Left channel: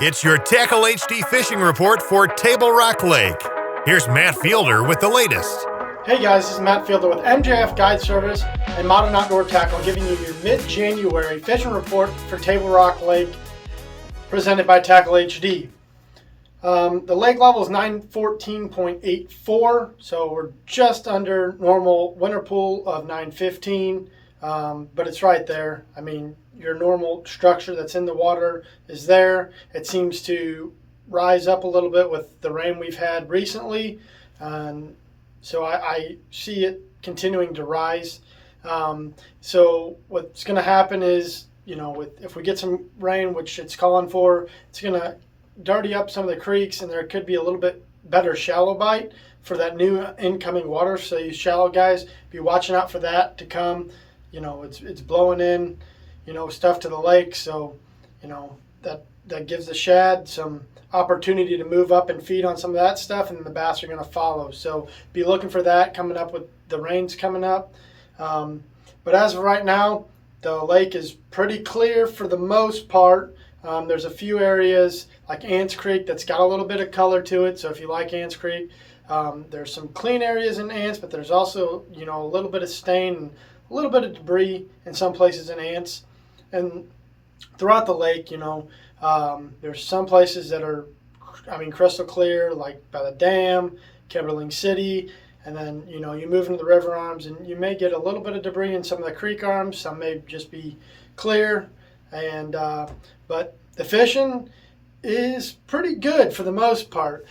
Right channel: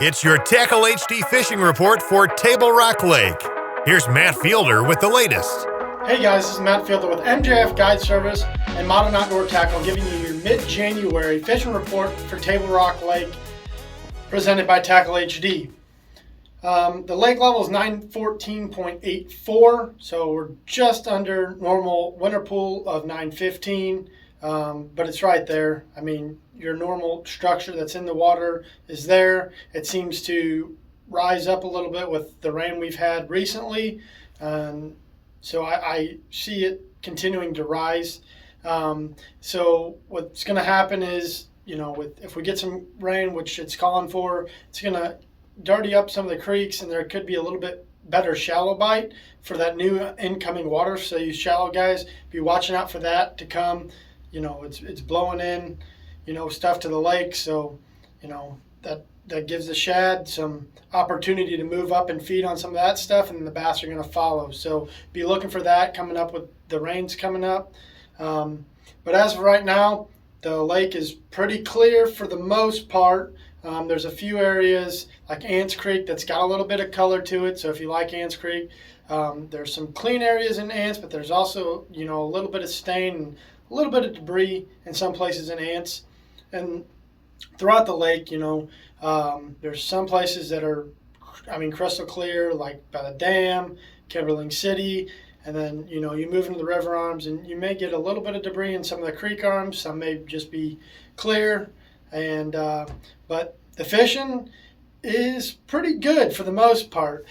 It's your Tackle HD fishing report for Table Rock Lake. Here's Matt Fielder with the latest. Hey guys, this is Matt Fielder with MJF Guide Service and Modern Outdoor Tackle, giving you your mid-January fishing report for Table Rock Lake, presented by Tackle HD. The lake level is 914.84, so we're just under normal winter pool of 915, but it's right there. I mean, your normal structure that's in the water is there. It seems to rise up a little bit with the rain we've had recently, so I see it continuing to rise. So what's going to happen is, if we get some rain, which it's calling for, it's going to dirty up some of the creeks, and there could be a little bit better shallow bite for that new incoming water. So you shallow guys, be watching out for that to come. It's blowing in, stuff to the lake. So, that gives the shad some opportunity to move up and feed on some of that stuff, and then the bass are going to follow. So be looking for that coming up with the rains coming up. But as of right now, the lake is pretty clear for the most part. There's a few areas like Ants Creek that's got a little bit of color to it. So if you like Ants Creek, there's some clean areas in Ants, but there's also, a little bit of stain and a little bit of debris in some places in Ants. And throughout the lake, there's some places that are, crystal clear, like by the dam, Kimberling City. And then, you move into the river arms and you may get a little bit of debris in some of the creek arms. Some may just be clear. But the fishing is pretty good for the most part.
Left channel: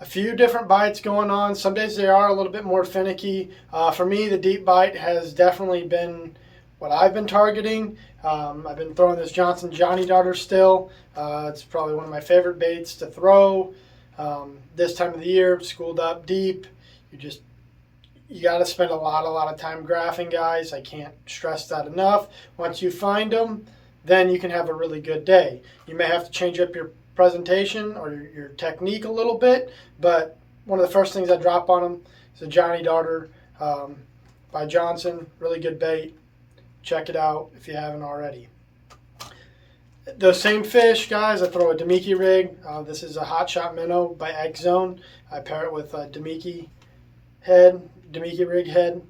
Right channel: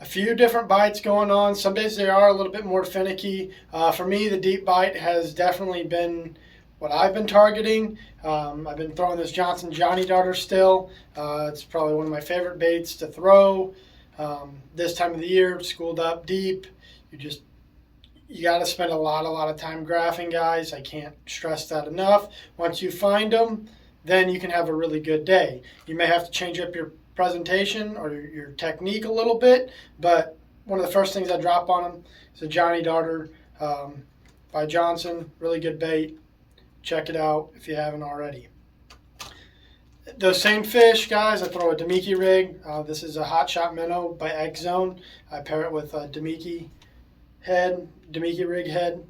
A few different bites going on. Some days they are a little bit more finicky. For me, the deep bite has definitely been what I've been targeting. I've been throwing this Johnson Johnny Darter still. It's probably one of my favorite baits to throw this time of the year. Schooled up deep. You got to spend a lot of time graphing, guys. I can't stress that enough. Once you find them, then you can have a really good day. You may have to change up your presentation or your technique a little bit, but one of the first things I drop on them is a Johnny Darter by Johnson. Really good bait. Check it out if you haven't already. The same fish, guys, I throw a Damiki rig. This is a Hot Shot Minnow by X Zone. I pair it with a Damiki rig head,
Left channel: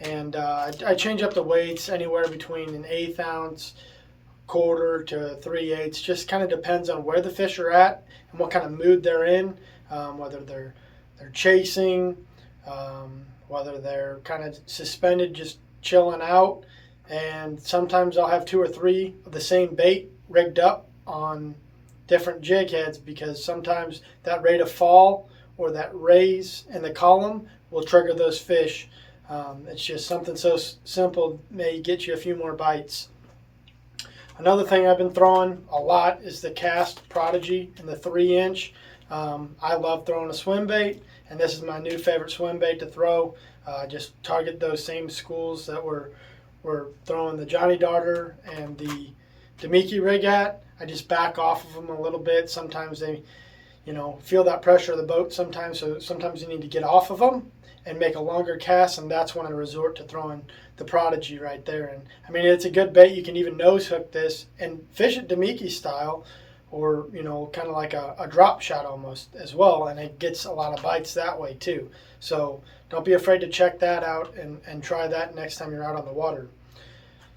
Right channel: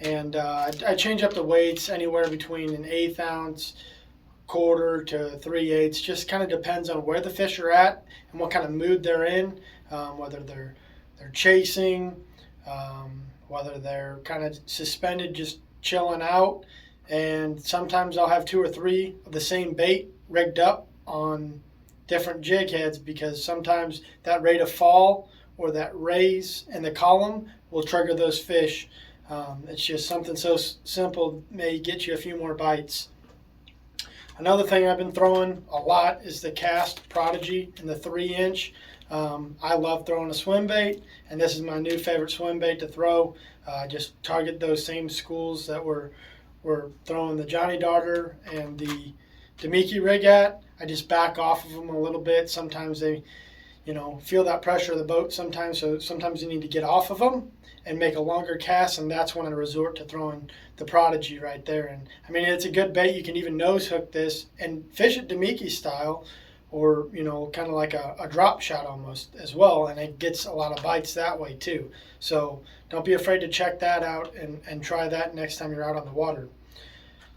and I change up the weights anywhere between an 1/8 ounce, quarter to 3/8. Just kind of depends on where the fish are at and what kind of mood they're in, whether they're chasing, whether they're kind of suspended, just chilling out. And sometimes I'll have 2 or 3 of the same bait rigged up on different jig heads, because sometimes that rate of fall or that raise in the column will trigger those fish. It's just something so simple, may get you a few more bites. Another thing I've been throwing a lot is the Cast Prodigy in the 3-inch. I love throwing a swim bait, and this is my new favorite swim bait to throw. Just target those same schools that we're throwing the Johnny Darter and the Damiki rig at. I just back off of them a little bit. Sometimes they feel that pressure of the boat sometimes, so sometimes you need to get off of them and make a longer cast, and that's when I resort to throwing the Prodigy right there. And it's a good bait. You can even nose hook this and fish it Damiki style, or kind of like a drop shot almost as well, and it gets a lot of bites that way too. So don't be afraid to check that out and try that next time you're out on the water.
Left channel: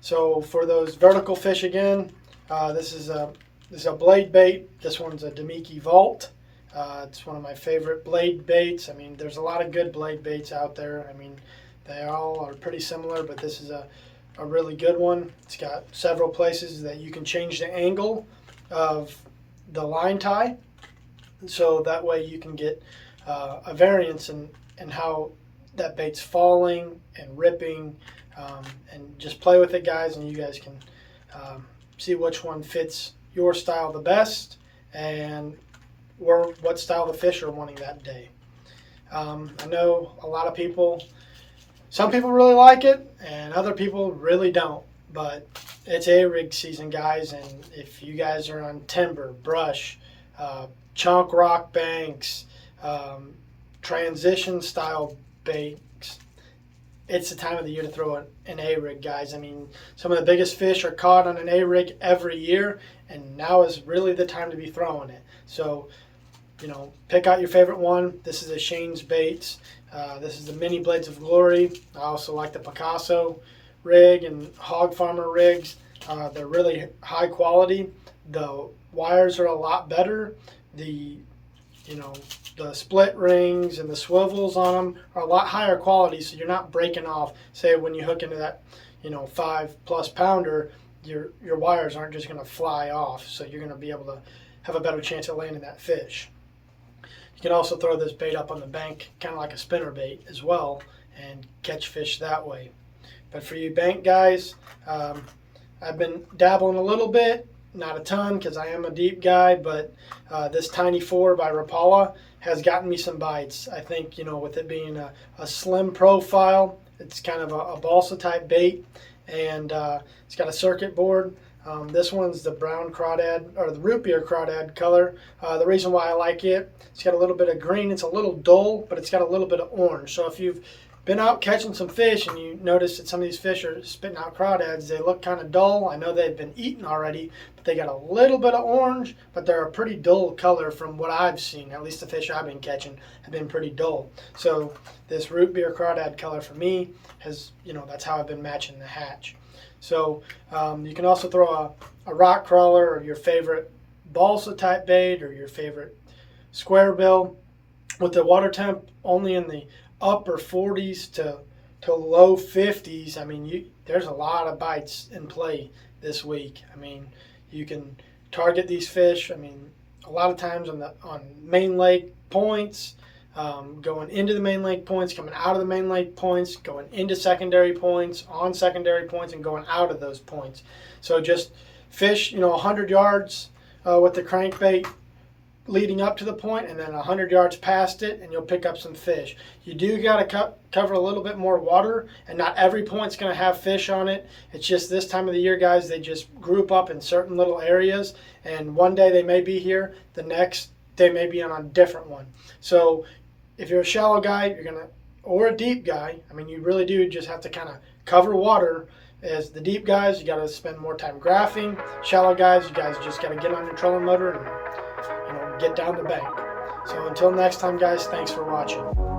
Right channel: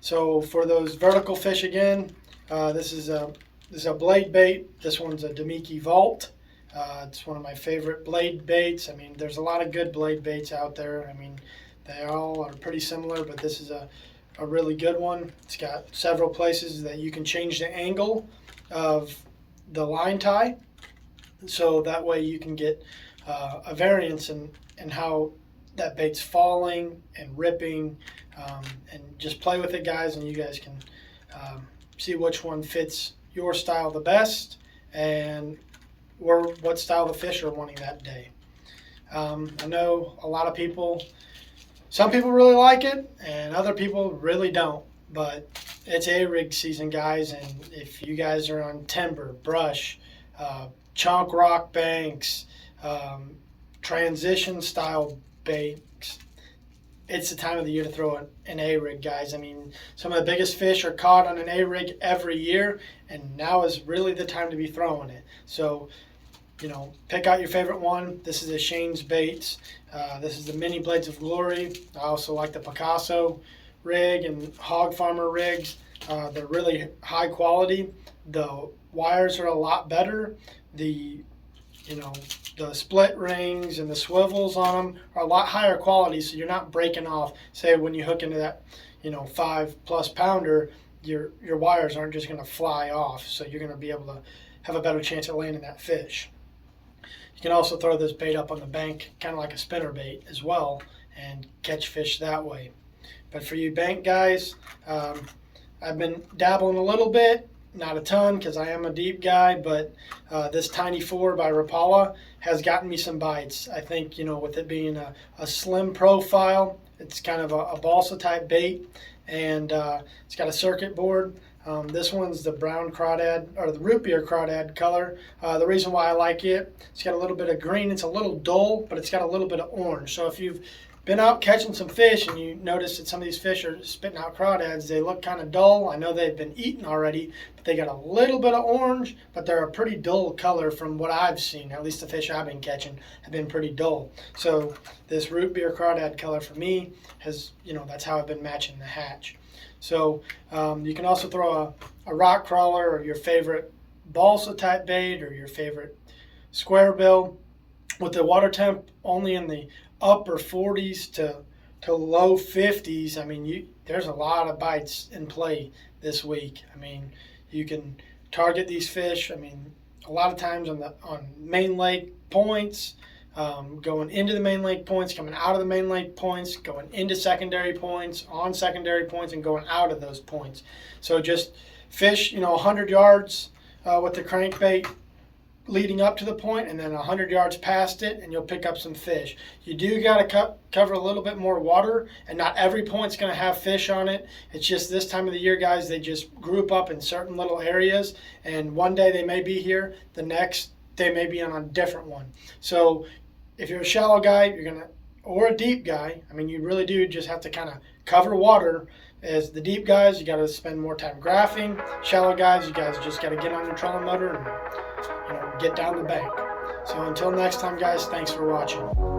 So for those vertical fish again, this is a blade bait. This one's a Damiki Vault. It's one of my favorite blade baits. There's a lot of good blade baits out there. They all are pretty similar, but this is a really good one. It's got several places that you can change the angle of the line tie, so that way you can get a variance in how that bait's falling and ripping, and just play with it, guys, and you guys can see which one fits your style the best and what style the fish are wanting that day. I know a lot of people, some people really like it and other people really don't, but it's A-rig season, guys, and if you guys are on timber, brush, chunk rock banks, transition style baits, it's the time of the year to throw an A-rig, guys. I mean, some of the biggest fish are caught on an A-rig every year, and now is really the time to be throwing it. So, pick out your favorite one. This is a Shane's Baits. This is the Mini Blades of Glory. I also like the Picasso rig and Hog Farmer rigs. They're really high quality. The wires are a lot better. The split rings and the swivels on them are a lot higher quality, so you're not breaking off. Say when you hook into that 5+ pounder, your wires aren't just going to fly off, so you're going to be able to have a better chance of landing that fish. You can also throw this bait up on the bank, kind of like a spinner bait as well, and catch fish that way. But for you bank guys, I've been dabbling a little bit, not a ton because I am a deep guy, but this Tiny 4 by Rapala has gotten me some bites. I think, with it being a slim profile, it's kind of a balsa type bait, and it's got a circuit board. This one's the brown crawdad, or the root beer crawdad color. The reason why I like it, it's got a little bit of green. It's a little dull, but it's got a little bit of orange. So if you've been out catching some fish and you notice that some of these fish are spitting out crawdads, they look kind of dull. I know they've been eaten already, but they got a little bit of orange, but they're a pretty dull color from what I've seen. At least the fish I've been catching have been pretty dull. So this root beer crawdad color for me has, that's how I've been matching the hatch. So you can also throw a rock crawler or your favorite balsa type bait or your favorite square bill with the water temp only in the upper 40s to low 50s. I mean, there's a lot of bites in play this week. I mean, you can target these fish. I mean, a lot of times on main lake points, going into the main lake points, coming out of the main lake points, going into secondary points, on secondary points, and going out of those points. So just fish, 100 yards with the crankbait leading up to the point, and then 100 yards past it, and you'll pick up some fish. You do got to cover a little bit more water, and not every point's going to have fish on it. It's just this time of the year, guys, they just group up in certain little areas, and one day they may be here, the next they may be on a different one. So if you're a shallow guy, or a deep guy, I mean, you really do just have to kind of cover water. As the deep guys, you got to spend more time graphing. Shallow guys, you guys just got to get on your trolling motor and get down the bank. So until next time, guys, thanks for watching.